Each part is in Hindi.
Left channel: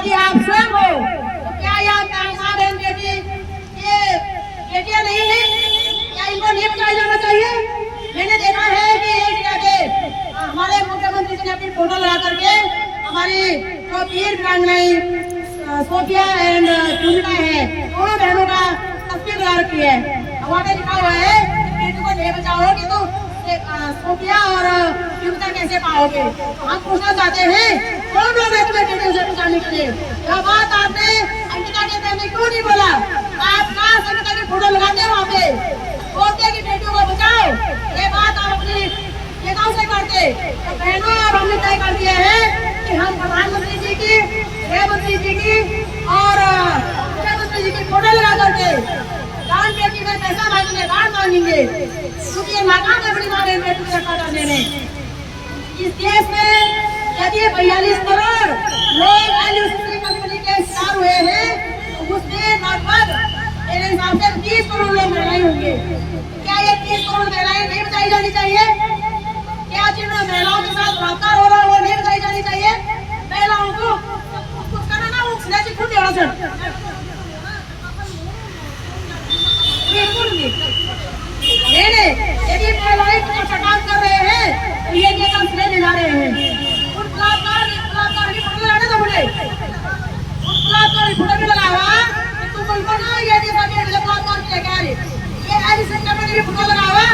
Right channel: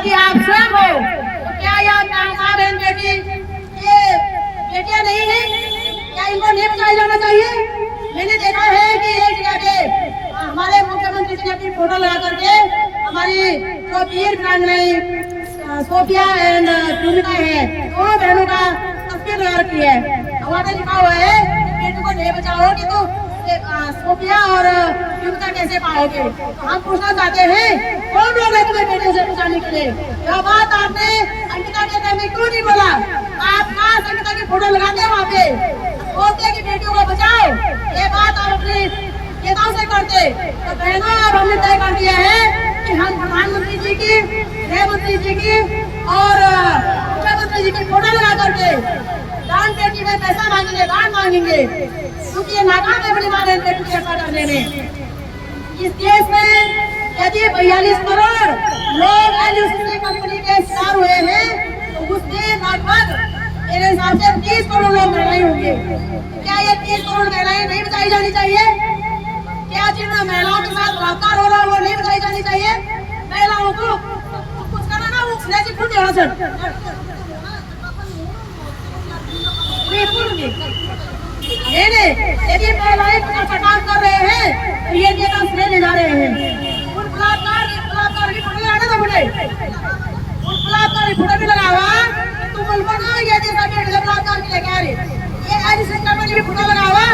यदि आप स्वयं हो तो क्या याद माँ बहन बेटी ये बेटियां नहीं है? क्या इनको नहीं बचाया जाना चाहिए? मैंने देखा है कि एक जगह पे हमारे मुख्यमंत्री जी ने अपनी फोटो लगा करके हमारी जो वीर वीरांगनाएं सोफिया एंड चुनिका है दोनों बहनों का तस्वीर लगा रखी है। वहाँ पे लिखा हुआ है कि बेटी को नहीं बचाओगे तो सोफिया और चुनिका कैसे पाओगे? हम पूछना चाहते हैं कौन लोग हैं तुम्हें बेटियों से बचाने के लिए? यह बात आपने अंकिता के टाइम में क्यों नहीं बोला? आप कहाँ अंकिता की फोटो लगाते हैं वहाँ पे बोलते की बेटियों को बचाओ? ये बात आप अपनी नेताओं से करते। तो बहनों अब हमने तय कर दिया है कि हम प्रधानमंत्री जी की, गृहमंत्री जी की और मुख्यमंत्री जी की फोटो लगा करके दान पेटी में पैसा मांगेंगे, दान मांगेंगे, क्योंकि ये नाकाम है बड़ी माँ बहन बेटी की रक्षा करने में। इस देश में यदि 42 करोड़ लोग एलआईसी कंपनी के शिकार हुए हैं तो उसमें लगभग मेरे हिसाब से 30 करोड़ लोग महिलाएं होंगे। क्या ये 30 करोड़ महिलाएं नहीं बचाई जानी चाहिए? क्या जिन महिलाओं के साथ बलात्कार हो रहा है वो नहीं बचाई जानी चाहिए? महिलाओं को कुछ करना ना वो खुद खुद देना सर यदि महिलाएं काम कर रहे हैं तो ये काम श्रेय ले जा रहे हैं। उन बलात्कार की फोटो लगाने तो बोले उन बलात्कार की फोटो भी लगावा तुम बोलो ना ये बलात्कार की लेके आ रही ये ऐसी संगठन की फोटो लगावा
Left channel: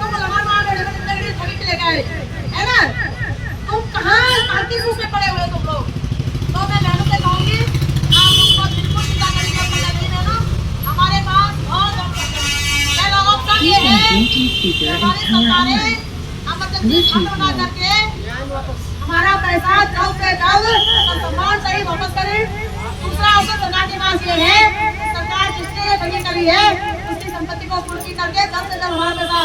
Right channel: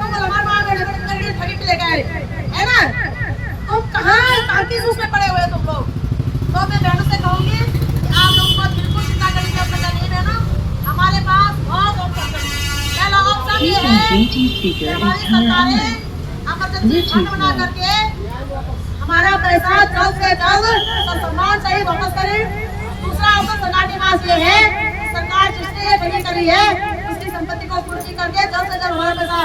तुम ठगी लेके आ रही है ना? तुम कहाँ किस उसमें पड़े हुए तुम लोग? तो मैं बहनों से कहूँगी आप लोग को बिल्कुल चिंता करने की आवश्यकता नहीं है ना। हमारे पास बहुत ऑप्शन ये है कि हमारी सरकारें इमरजेंसी फंड बना करके हमारा पैसा जल्द से जल्द और सम्मान सही वापस करें। दूसरा ऑप्शन सरकार के पास ये है सरकार जिसके लिए बनी करी है उसकी संपत्ति को पूर्ति करके जल्द से जल्द हमारा पैसा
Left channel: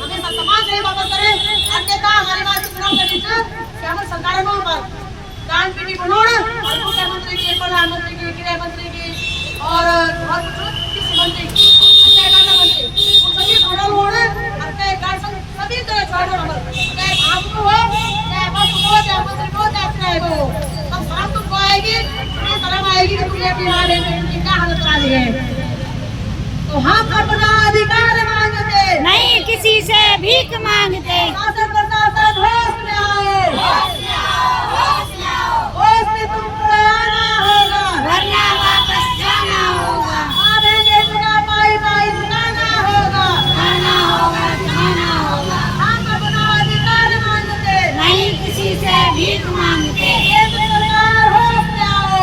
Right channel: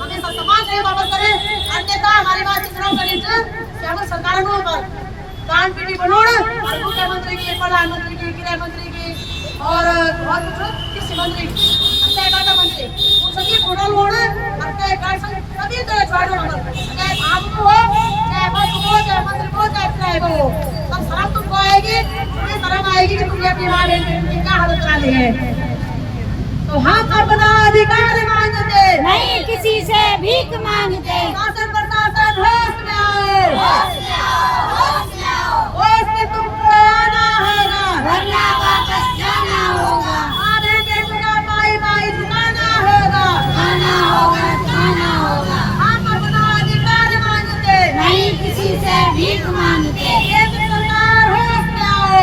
हमें सम्मान सही वापस करें। अन्यथा हमारे पास चुनाव करनी चाहिए सरकार दान पेटी बनोड़ और मुख्यमंत्री की, प्रधानमंत्री की, गृहमंत्री की और कृषि मंत्री मंत्री उन सभी टोटल होड़ सभी तरह चाहे आपको हो चाहे बस हो चाहे मंत्री को चाहे हो तब साफ तुमको आएगी तुम्हें शर्म आएगी कि तुमने अपनी माँ बहन की क्या हालत डाली है। तो हम अपना अधिकार मांगते नहीं किसी से भीख मांगते। शासन प्रशासन होश में आओ तुमको आना होगा वरना वापस जाना होगा। आने बेटुका पाई पाई चुकाना होगा खाना होगा। हम अपना अधिकार मांगते नहीं किसी से भीख मांगते। केंद्र सरकार होश में आओ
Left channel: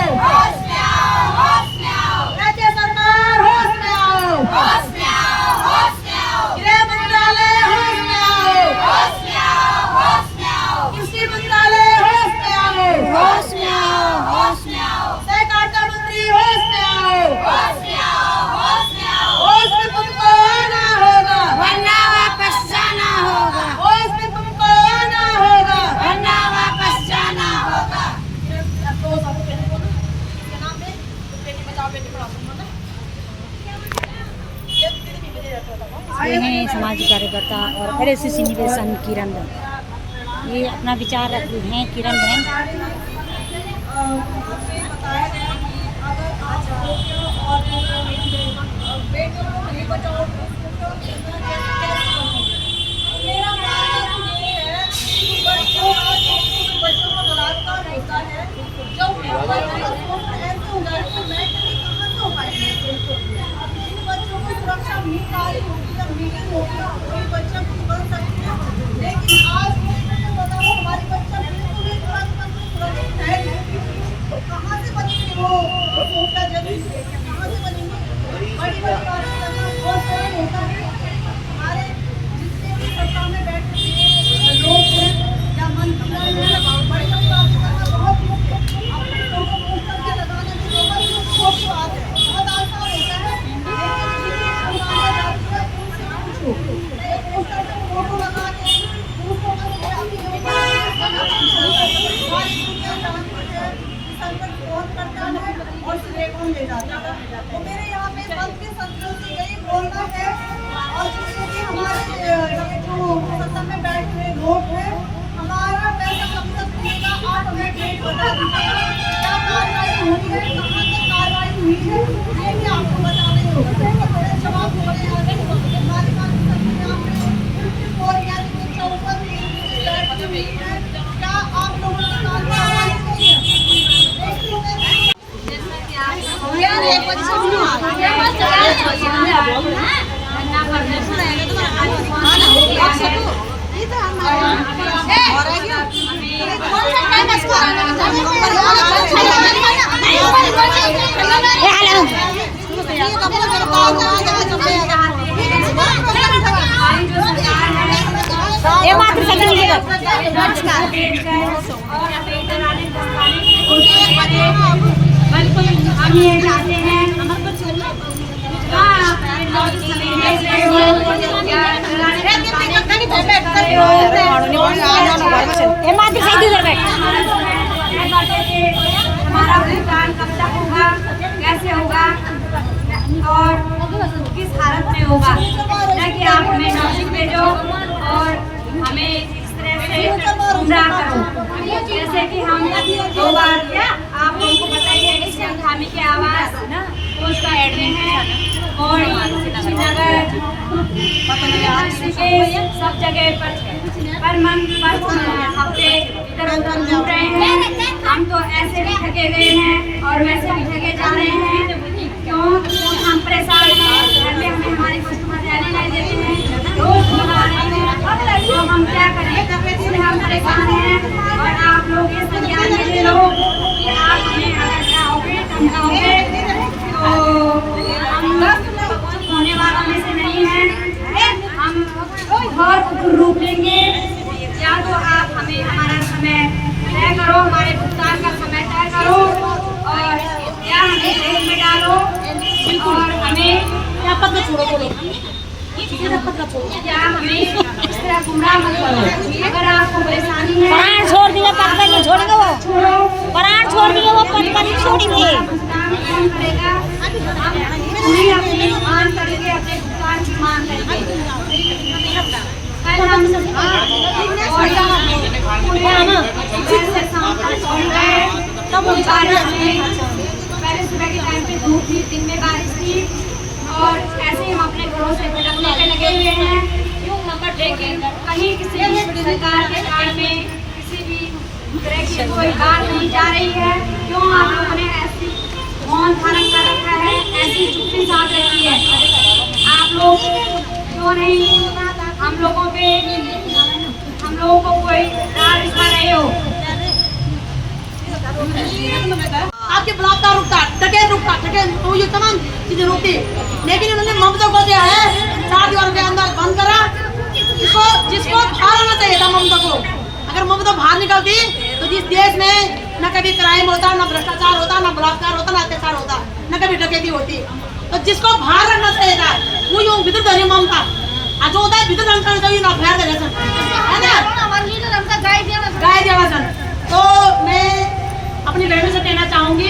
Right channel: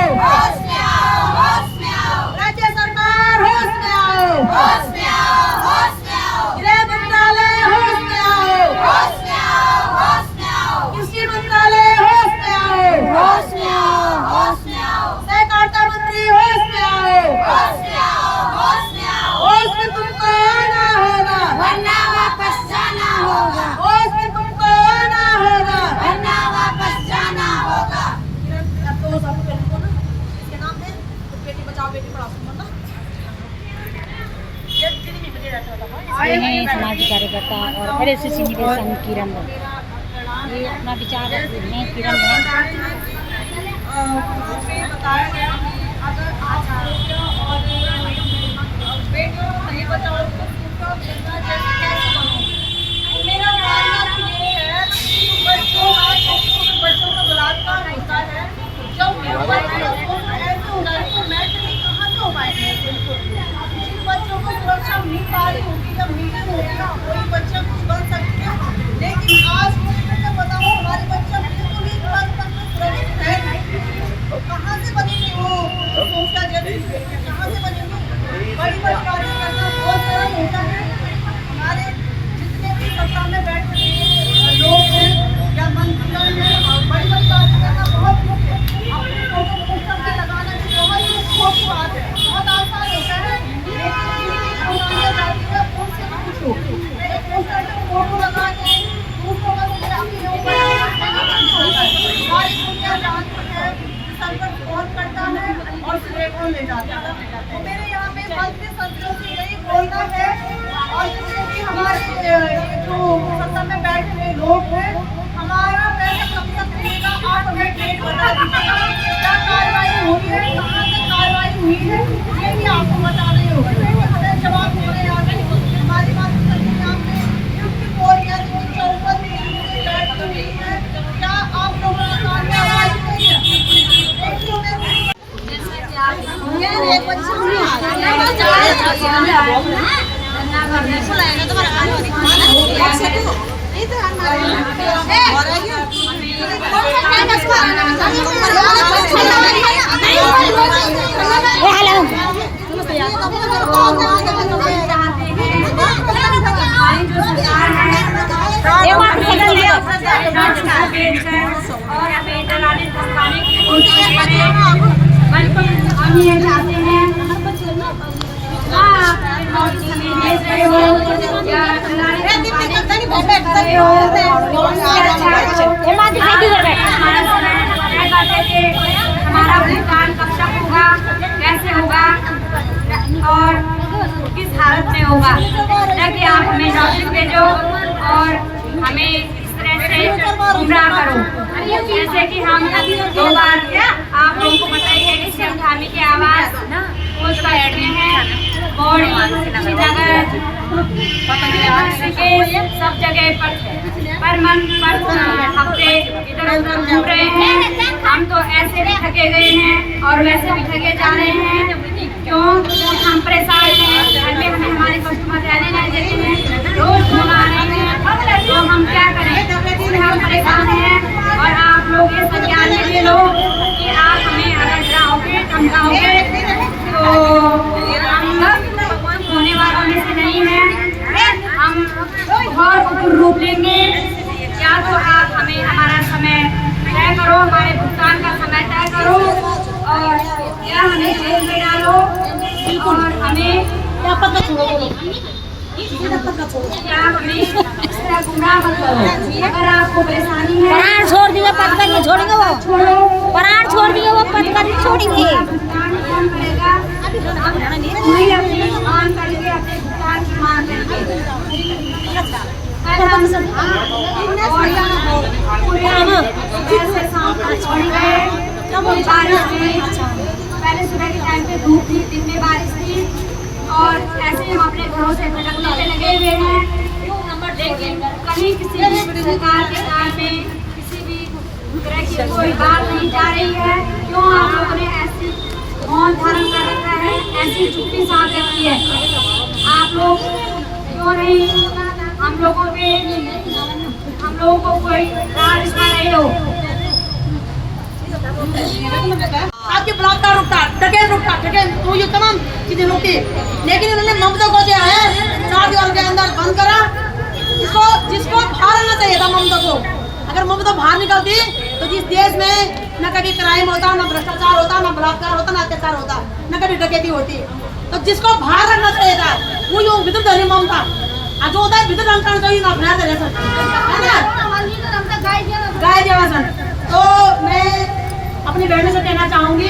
राज्य सरकार होश में आओ गृह मंत्रालय होश में आओ कृषि मंत्रालय होश में आओ सहकारिता मंत्री होश में आओ होश में तुमको आना होगा वरना वापस जाना होगा। होश में तुमको आना होगा वरना वापस जाना होगा। ये हैं समाज कार्यकर्ता और एलआईसी निवेशन किरण बहन। ये अपना विचार रखते हैं किरण बहन। अगर आप और बेटियों को नहीं बचाओ तो कैसे बनोगे? मेरा मानना तो ये है कि बच्चों का बलात्कार होता है जब बच्चों का शोषण ऐसे हो जाए तो मेंटली कहाँ से हो पाएंगे? इन बच्चों को सुरक्षा मिल पा रही होगी जब मीटिंग होगी ना कोई बच्चे कुछ बन सकते हैं। लेकिन आज बताओ हमारे बच्चा बिल्कुल ही सुरक्षित है नहीं तो कहाँ से बनेंगे वो सोचता जैसे कहाँ से बनेंगे? बड़ी बड़ी कार्यक्रम बहुत सारा होता है। हमारे जितने भी सत्ता में बैठे लोग हैं या मंत्री हैं बड़ी बड़ी कार्यक्रम बहुत लोग अपने फोटो पोस्टर पे लगाना भी बहुत शौक बात है, बहुत आसान होता है। लेकिन जिनकी बनाने जाती है उनसे भी पूछो एक पोस्टर पे फोटो लगा के दूसरों का अपने ऊपर सारी दुनिया जानती है संकट कौन करता है और श्रेय कौन ले जाता है। तो मेरे यहाँ पे मंत्री संतरियों से यही बोलना है और जितने भी हमारे ये जो सत्ता में बैठे हुए लोग हैं हमारा पैसा कब तक मिलेगा आप हमें डेट बता दीजिएगा क्या कार्रवाई हो और हमें इधर आने धमकाने की कोशिश कर रहे हैं, बल्कि हम ये चाहते हैं नोटिस हमें भेज रहे हो या डराने धमकाने की कोशिश कर रहे हो। हमारा समय करते थे, हमारा भुगतान कब तक होगा, कैसे होगा और किस हालत में होगा, ताकि आप हमें नोटिस भेजो और हमें इस तरह से गुमराह करो। जैसे कि हम 2 बार, आप लोगों को पता ही है कि सिंघामी की आवाज़ पोस्ट का एड में है, पौड़ी, श्रीनगर, ऋषिकेश, सब जगह पर हफ्ते इधर उधर घूम रहे हैं। हम तो ऐसे भी थके गए हैं और वैसे भी थके जा रहे हैं, क्यों हम परेशान हैं। घर में हमें हमारे कस्टमर रहने नहीं देते हैं, रोज फोन आ रहे हैं, तो हम क्या करें, इसलिए हम परेशान हैं। और आप लोग ये संज्ञान में ले लो कि आप हमें अगर डराओगे धमकाओगे तो हम होने वालों में से नहीं हैं। हम और उग्र रूप लेंगे। या तो आप हमें हमारा समय तय करो, हमारे भुगतान का समय तय करो, और या हमें जेल में डालो और हमें क्या हमें इस तरह गुमराह मत करो। अगर आपको परेशानी है, प्राण छोड़ दिए, पद पर नहीं छोड़ेंगे वो, छोड़ो, प्राण छोड़ दिए वो पद पर नहीं छोड़ेंगे। भुगतान कौन करेगा? हम पूरी अपनी मांग करेंगे, अपने भुगतान की मांग करेंगे। कल हम पूरे सुबह से शाम तक पहुँच गए, बारिश में, पहले सुबह के टाइम पे धूप थी, दिन में बारिश थी, और ऐसे ही हम अपने घरों से भटकने पे लगे हुए हैं। लेकिन कहीं किसी भी सरकार के कान में किसी भी तरह की कोई बात नहीं जा रही है। क्यों आप लोगों ने ऐसी मौन धारण कर रखा है, ऐसी चुप्पी साध रखी है? आप लोग क्यों नहीं हम लोगों को कोई राह दिखा रहे हो? आपके बलात्कार रुकता, डकैत रुकता, तो ये तमाम चीजें रुकती, लेकिन इन्होंने ममता को जो है 4 दीवारों के अंदर बंद करा। जिसको बाहर आना चाहिए था ममता को, अगर ममता बाहर निकलती तो जिस देश में न कभी क्राइम होता, न भ्रष्टाचार होता, न बलात्कार होता, न अत्याचार होता, न कभी डकैती होती, तो जिसको बाहर रखना चाहिए था वो यूँ भीतर धरी ममता, जो होता है भीतर रखना चाहिए ना, बाहर है ना, गाय देवासन। तो मैं अपनी बहनों से कहना चाहूंगी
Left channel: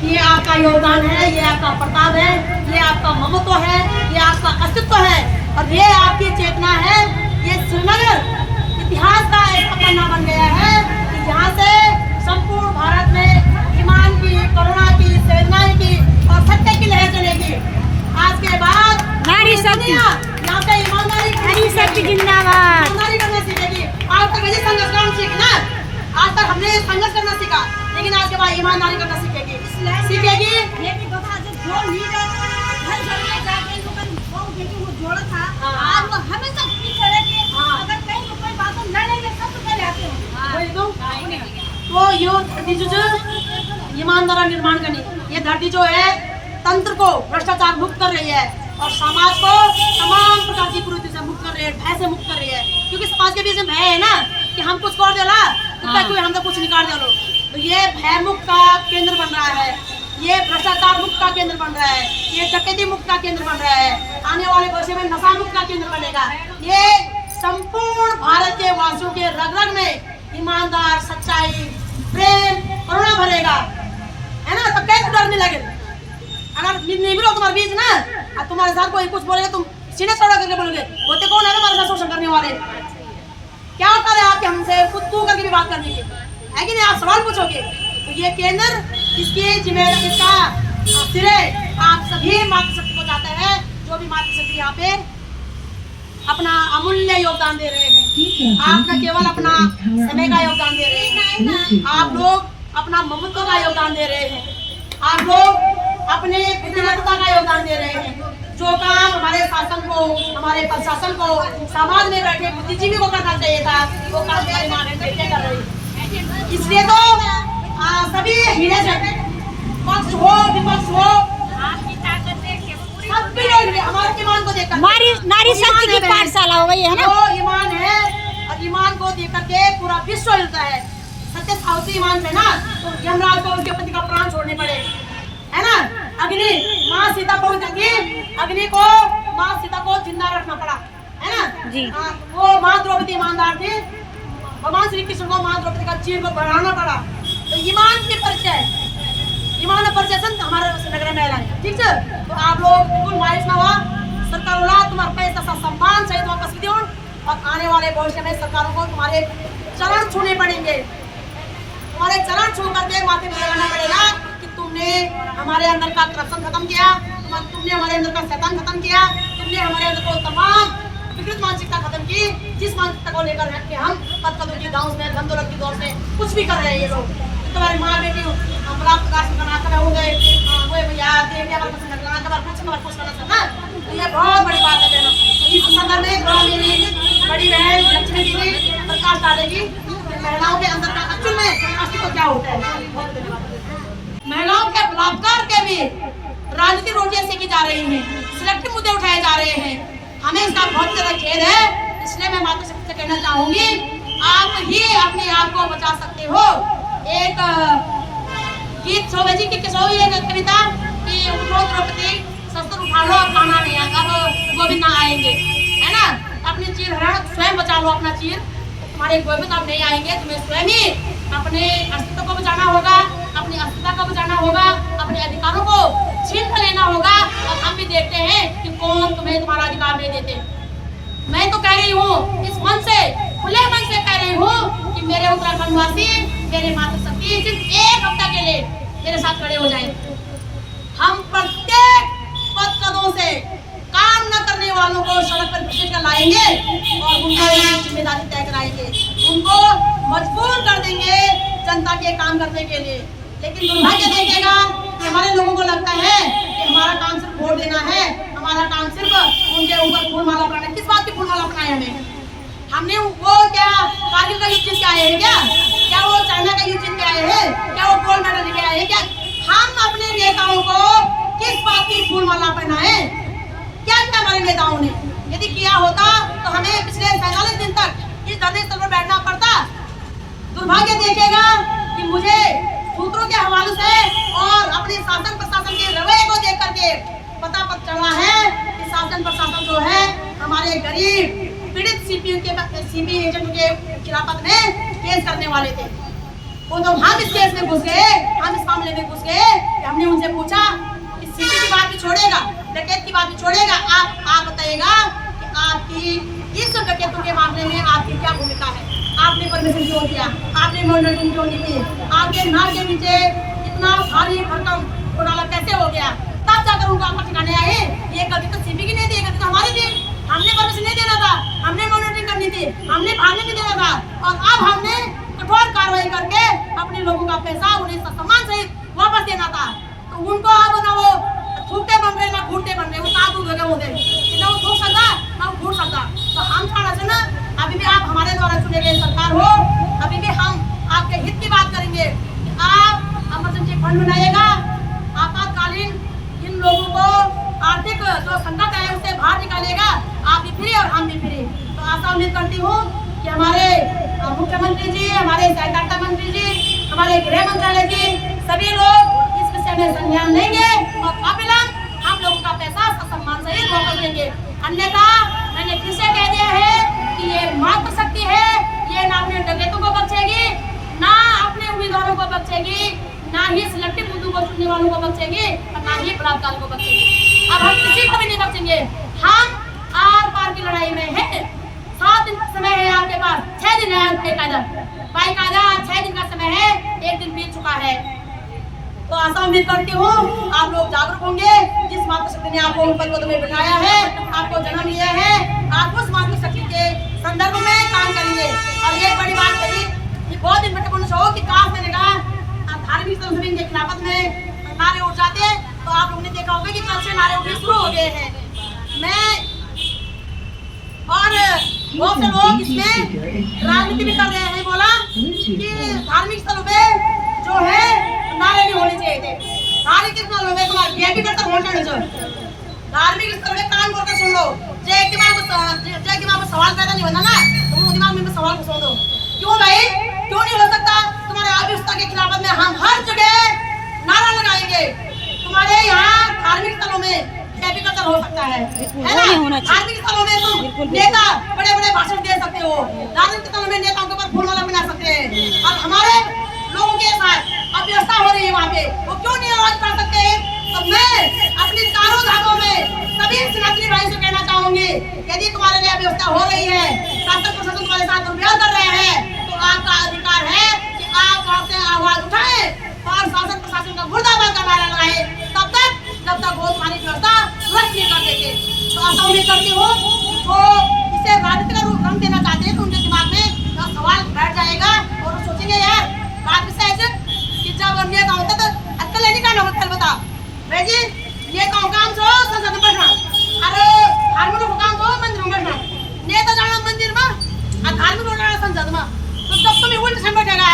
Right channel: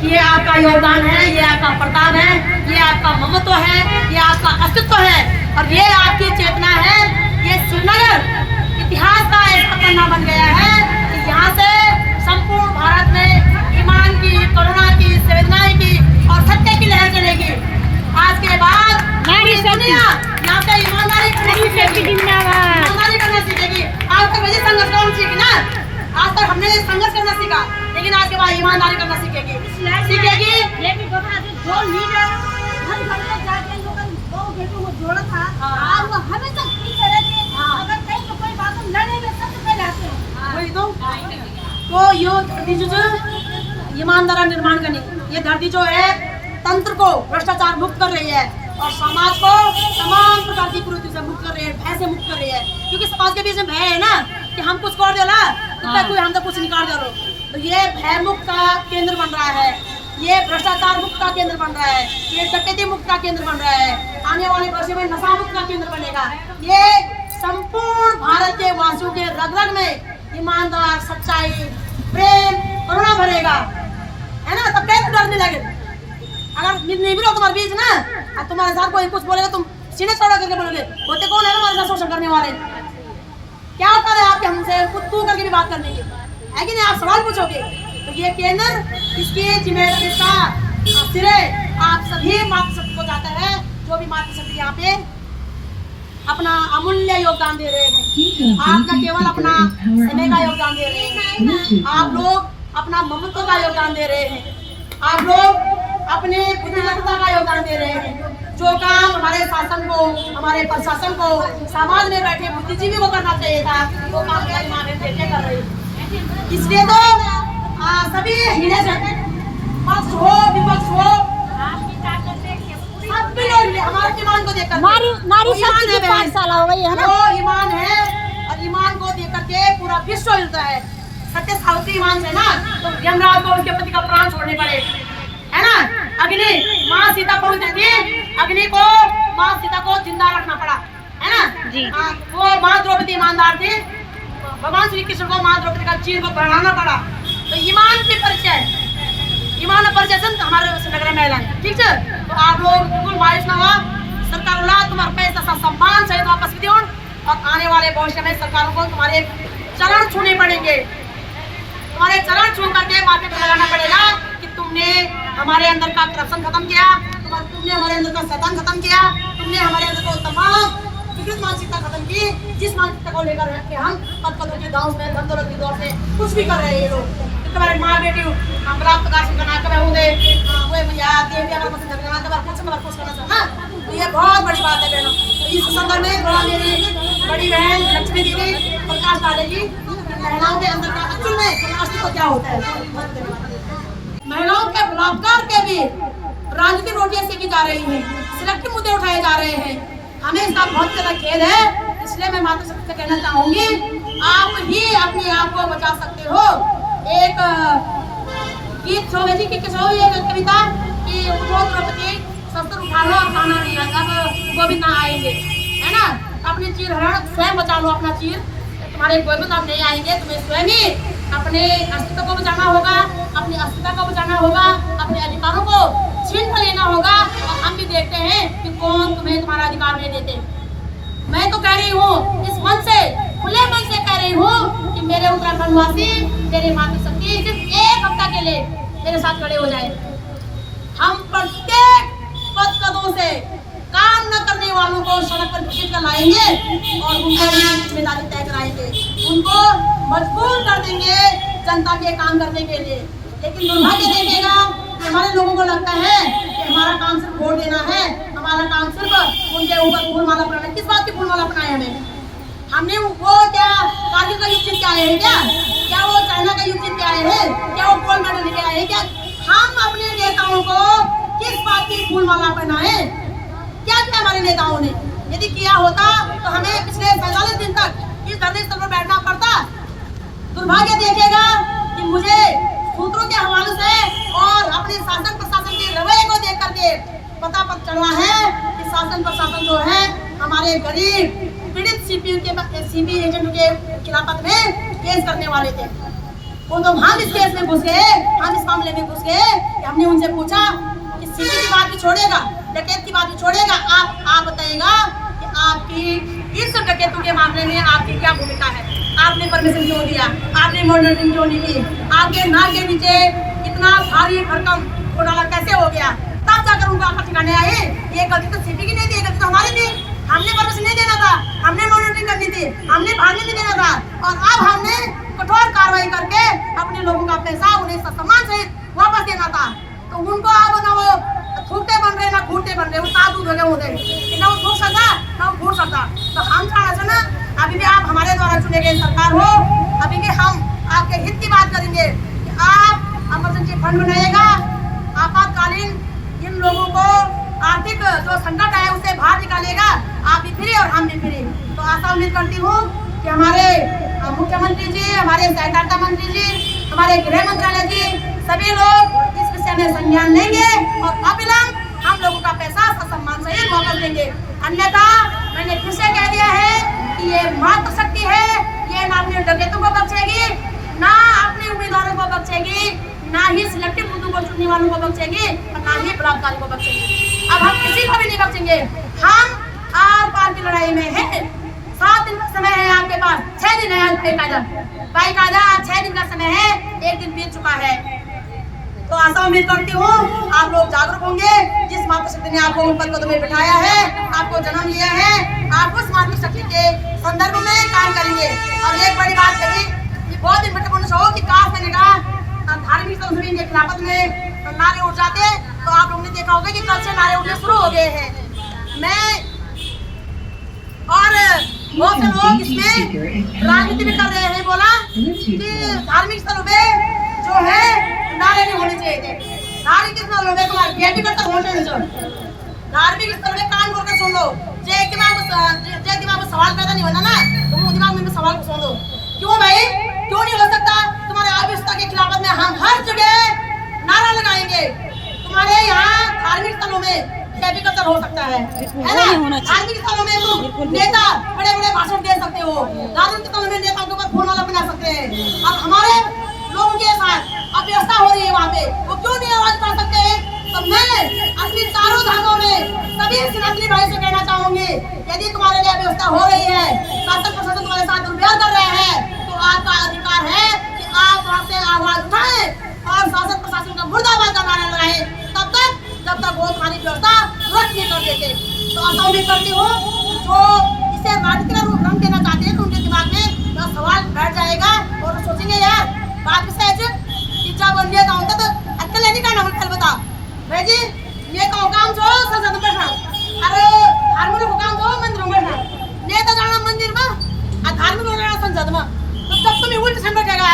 कि ये आपका योगदान है, ये आपका प्रताप है, ये आपका ममत्व है, ये आपका अस्तित्व है, और ये आपकी चेतना है। ये श्रीनगर इतिहास का ऐसा पन्ना बन गया है कि यहाँ से संपूर्ण भारत में ईमान की, करुणा की, संवेदनाएं की और सत्य की लहर चलेगी। आज के बाद नारी शक्ति, यहाँ से ईमानदारी जिंदाबाद, करना सीखेगी। आज तक वही संघर्ष कौन सीखी ना, आज तक हमने संघर्ष करना सीखा, लेकिन आज के बाद ईमानदारी करना सीखेगी। लेकिन जो लीडर हर घर में जाके लोगों को बेटों को जोड़ा था, आज वो हमेशा पीछे रहते हैं। अगर कहीं कोई बात लड़ेंगे सबसे पहले आते हैं। वही तो वो यो धरती जो ईमानदारा निर्माण करनी, ये धरती जो है तंत्र को भ्रष्टाचार मुक्त कर रही है और समाज को तमाम प्रकार की कुरीति से मुक्त कर रही है, भय से मुक्त कर रही है। क्योंकि समाज के बीच में भय है ना कि हम कुछ कर देला तो कोई हमसे कुछ निकाल दे लो, तो ये भय मुक्त का केंद्र बन रहा है, ये भ्रष्टाचार मुक्त का केंद्र बन रहा है, ये डकैती मुक्त का केंद्र बन रहा है। आने वाले वर्षों में नशा मुक्त का केंद्र बनेगा। ये संपूर्ण भारत के वासियों के रग रग में ईमानदार, सच्चाई, प्रेम, करुणा भरेगा, है ना। तब कैसे डरने लगे? अगर नहीं भी तुम्हारे बीच ना, और तुम्हारे साथ कोई कुछ बोलेगा, तुम सीने चौड़ा करके बोलोगे, होते कौन है हमारे साथ शोषण करने वाले? क्या होता है आपके हमसे खुद तू करके भी बात करने की, है कि नहीं? आप सवाल पूछोगे। तो ये केंद्र, इसकी जिम्मेदारी, इसका सिरे आप सभी मातृशक्ति को जाता है, जो भी मातृशक्ति यहाँ पे अपना अमूल्य योगदान दे रहे हैं। आप न केवल अपना समय का योगदान दे रहे हैं, आप लोग अपना ममत्व का योगदान दे रहे हैं, आप लोग अपने बुद्धिमत्ता का योगदान दे रहे हैं। जो काम हमारे शासन को, हमारे प्रशासन को, समाज में बैठे बुद्धिजीवी को करना चाहिए था, वो काम हमारी माँ बहन बेटे कर रही है। इसलिए तो सभी हीरे से पक्ष हो विपक्ष हो, सभी लोग हमारे ईमान को देखकर, नारी शक्ति की पाठशाला हो गई है ना। वो ईमान है और ईमान को देख करके पूरा विश्व हिलता है। सत्य सावित्री ईमान से ना तो यमराज को उसके पति का प्राण छोड़ने पड़े, है ना। अग्नि माँ सीता पहुंच थी, अग्नि को माँ सीता को जिंदा रखना पड़ा, है ना जी। वो माँ द्रौपदी ईमानदार थी, भगवान श्री कृष्ण को माँ द्रौपदी का चीर को बढ़ाना पड़ा। तो ईमान के परिचय, ईमान परिचय से हमारे नगर में है, ठीक है। तो आप लोग बिल्कुल मायूस ना हुआ, सरकार वाला तुम्हारा पैसा सा सम्मान सहित वापस भी दियो, और आने वाले भविष्य में सरकारों को तुम्हारे चरण छूने पड़ेंगे, तुम्हारे चरण छू करके माथे पर लगाना पड़ेगा कि तुमने हमारे अंदर का करप्शन खत्म किया, तुमने हमारे अंदर का शैतान खत्म किया, तुमने हमारे अंदर को तमाम विकृत मानसिकता खत्म की, जिस मानसिकता को लेकर के हम पद पदों की दांव में, धन दौलत की दौड़ में कुछ भी कर रहे हैं ये लोग। तुम्हारे माँ बेटी हम बलात्कार से बना कर होंगे, वो भैया क्या पसंद करना कुछ करना चाहिए ना। तो ये बहुत बड़ी बात है बहनों। तो इस संदर्भ में थोड़ा मेरी बड़ी बहन लक्ष्मी जी ने प्रकाश डालेगी महिलाओं के अंदर का असल में अस्तित्व क्या होता है। महिलाओं के बलात्कार के भी राजनीतिक रोटियां सेकी जा रही हैं, सिलेक्टिव मुद्दे उठाए जा रहे हैं। हमें इसका बहुत ज्यादा खेद है। इसलिए मैं माता शक्ति से कहना चाहूंगी, आप ही अपने आप को बचा सकते हो। एक गीत शोभा जी की कविता कि उठो द्रौपदी शस्त्र उठा लो, अब खाना नहीं आएगा, अब गोविंद ना आएंगे, है ना। अपनी चीर हरण स्वयं बचा लो, अपना चीर, तुम्हारे गोविंद अब नहीं आएंगे। तुम्हें स्वयं ही अपने अस्तित्व को बचाना होगा, अपनी अस्मिता को बचाना होगा, अपने अधिकारों को छीन कर लेना होगा। और हम भी देखते हैं कि कौन तुम्हें तुम्हारा अधिकार नहीं देते। मैं तो कह रही हूँ इस मन से, खुले मन से कह रही हूँ कि मेरे उत्तराखंड वासी, मेरे माता शक्ति सिर्फ एक हफ्ता के लिए मेरे साथ खड़े हो जाए। हम प्रत्येक पद कदों से काम न करने वालों को सड़क पर घसीट कर लाएंगे और उनको जिम्मेदारी तय कराएंगे, उनको मजबूर कर देंगे जनता के काम करने के लिए। लेकिन दुर्भाग्य देखेगा कि हमारे लोगों को लगता है कि हमारा काम सिर्फ वोट देना है, हमारा काम सिर्फ उनके ऊपर फूलमाला अपनाना। किस बात की फूलमाला अपनाए हमने वो क्या कारगिल का युद्ध जीत के आए हैं क्या वो चाइना का युद्ध जीत के आए हैं, क्या वो गोल्ड मेडल लेके आए हैं क्या? हम अपने नेताओं को किस बात की फूलमाला पहनाए? क्या किया हमारे नेताओं ने? यदि किया होता तो हमें पिछले 47 दिन तक इस धरने स्थल पर बैठना पड़ता। दुर्भाग्य देखेगा कि मुझे सूत्रों के हवाले से और अपने शासन प्रशासन के रवैये को देख करके पता चल रहा है कि शासन प्रशासन जो है हमारे गरीब पीड़ित सीपी एजेंटों के खिलाफत में केस करने वाले थे। वो तो हम इस केस में घुस गए, हम इस मामले में घुस गए कि हमने उनसे पूछा कि सीपी की बात भी छोड़ेगा, डकैत की बात भी छोड़ेगा, आप बताइएगा कि आपकी इस डकैतों के मामले में आपकी क्या भूमिका है? आपने परमिशन क्यों दिया? आपने मॉनिटरिंग क्यों नहीं की? आपके नाक के नीचे इतना भारी भरकम घोटाला कैसे हो गया? तब जाकर उनको आकर ठिकाने आए। ये गलती तो सीपी की नहीं थी, गलती तो हमारी थी। हमने परमिशन नहीं देना था, हमने मॉनिटरिंग करनी थी, हमने भागने नहीं देना था। और अब हमने कठोर कार्रवाई करके अपने लोगों का पैसा उन्हें सम्मान सहित वापस देना था। तो उनको अब ना वो थूकते बन रहे ना घूटते बन रहे, वो तादूद हो गए होते, ना वो थूक सकता ना वो घूट सकता। तो हम चाह रहे ना अभी भी आप हमारे द्वारा चुने गए सरकार हो, अभी भी हम आपके हित की बात करेंगे कि आप इमरजेंसी फंड बनाइएगा, आपातकालीन इन लोगों को आर्थिक जो संकट है उससे बाहर निकालेगा। आप भी फ्री और हम भी फ्री। तो आशा उम्मीद करती हूँ कि हमारे मुख्यमंत्री जी, हमारे सहकारिता मंत्री जी, हमारे गृह मंत्रालय जी, सभी लोग इस विषय में संज्ञान लेंगे और अविलंब हम लोगों का पैसा सम्मान सहित वापस देंगे। अन्यथा मैंने फिर से कह दिया है कि ये मातृ शक्ति है, ये ना अपने डकैतों को बख्शेगी, ना अपने उम्मीदवारों को बख्शेगी, ना ही सिलेक्टिव मुद्दों को चुनने वालों को बख्शेगी और ना ही बलात्कारी को बख्शेगी। अब हम किसी को भी नहीं बख्शेंगे। हम आर पार की लड़ाई में है। 7 दिन का समय है आपके पास, 6 दिन है बाकायदा 6 दिन का समय है, 1 दिन बीत चुका है। तो आशा उम्मीद करती हूँ आप लोग जागरूक होंगे। जिस मातृ शक्ति ने आपको उन पदों में बिठाया है, आपको जन्म लिया है, आप उस मातृ शक्ति के संदर्भ में काम करेंगे। और एक बड़ी बात कही, ये बहुत दिन बटे हो कि काश मैंने कहा धार्मिक संस्कृति के खिलाफत में नारे उठ जाते तो आप लोगों ने देखा होगा कि कल से नारे उठने शुरू हो गए हैं। मैं और बहुत से लोग इसमें राजनीति भी कर रहे हैं, बोला कि धार्मिक स्थलों पे जो है नारे नहीं होने चाहिए थे। धार्मिक स्थलों में तुम्हारे वीआईपी करता होटल जो धार्मिक स्थल में कान खोल कर सुन लो। जय दिमाग में सवाल पैदा नहीं होना ना, तो वो दिमाग में सवाल को सुन दो। क्यों भाई, क्यों नहीं हो सकता? तुम्हारे अव्यवस्था के खिलाफत में हम हर जगह नारा लगाएंगे। तुम्हारे यहाँ धार्मिक स्थलों में कल्चर हो सकता है ना? धार्मिक स्थलों में तुम नेता बड़े बड़े भाषण दे सकते हो, धार्मिक स्थलों में नेताओं के ऊपर फूलमाला बना सकते हैं। और हमारे लोगों के साथ अव्यवस्था हो रही है वहाँ पे, वो क्यों नहीं आवाज उठा सकते हैं? तो मैं अपनी चारों धामों में सभी सनातनी भाई से कहना चाहूंगी, यदि तुम्हारे लिए अव्यवस्था हो रही है, शासन प्रशासन तुम्हारे साथ दुर्व्यवहार कर रहे हैं, तो आपका अधिकार है कि आप वहाँ से आवाज उठाएं और शासन प्रशासन का मुर्दाबाद का नारा लगाएं, तब तक जब तक वो तुम्हारी व्यवस्था दुरुस्त नहीं कर देते। तो ऐसा उम्मीद करती हूँ जो इसे राजनीति का रूप रंग देना चाहते हैं, तो उनके दिमाग में तो सवाल बैठ जाएगा और वो सोचेंगे यार बात सहज कि जब नेता होता तो अक्कल नहीं करना। पहले बता भाई जी, नेताओं काम जो संसद में बैठना, अरे धार्मिक को काम जो मंदिर में बैठना, नेता जाना मंदिर में और धार्मिक को जाना संसद में। तो जब तुम्हें उल्टी से बैठेगा,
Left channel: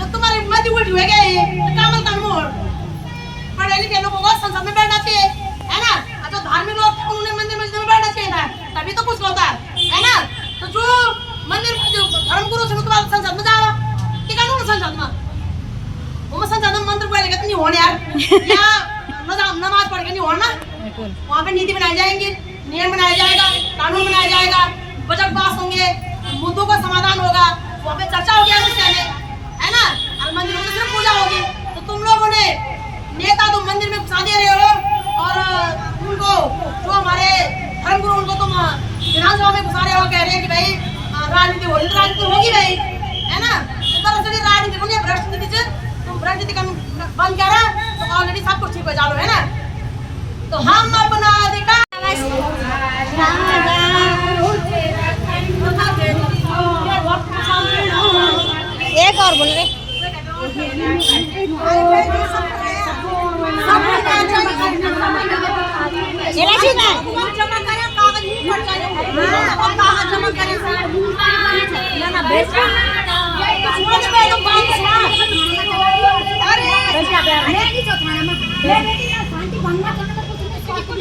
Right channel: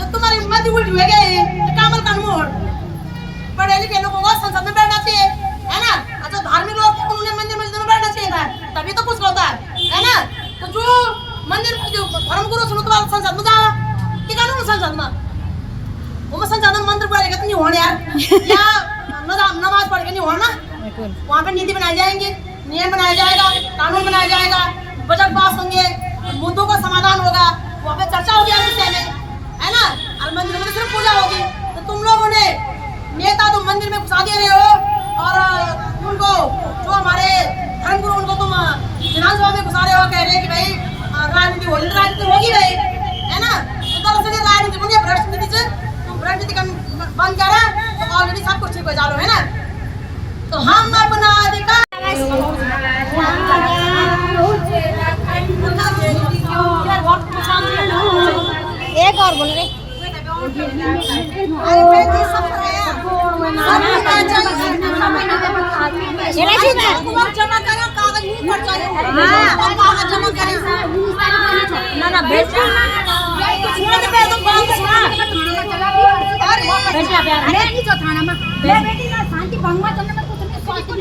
जब तुम्हारी उम्मत ही उल्टी हो गई तो कामल का मोड़ पढ़े लिखे लोगों को संसद में बैठना चाहिए, है ना? जो धार्मिक लोग थे उन्होंने मंदिर मस्जिद में बैठना चाहिए था, तभी तो कुछ होता है ना? तो जो मंदिर जो धर्मगुरु से तुम्हारा संसद में जावा कि कानून संसद में वो संसद में मंदिर पढ़ के नहीं होने यार, या नमाज पढ़ के नहीं होना। वहाँ पे नीति बनाई जाएंगी, नियम बनाया जाएगा, कानून बनाया जाएगा, बजट पास होंगे, मुद्दों का समाधान होगा, वहाँ पे चर्चा होगी इस विषय में, है ना? और मंदिर में तो सिर्फ पूजा होगी। तो तुम लोगों ने नेता तो मंदिर में घुसा दे रहे हो और उनको जो हमारे धर्मगुरु उनको तुम विधानसभा में घुसा रहे हो, कह रहे हैं कि भाई राजनीति होगी, तो राजनीति होगी भाई, है ना? तो दरअसल राजनीति बनी भ्रष्ट नीति से तुम राजनीति बंद कर रहा तो ऑलरेडी सब कुछ ठीक हो जाओ, है ना? तो हम अपना अधिकार एक और बोल रहे जमा करें, कागज नहीं पड़ कागज जमा करें ना बेटा अरे जो थाना में बेटी ना शांति भंग मत करना, तो कुछ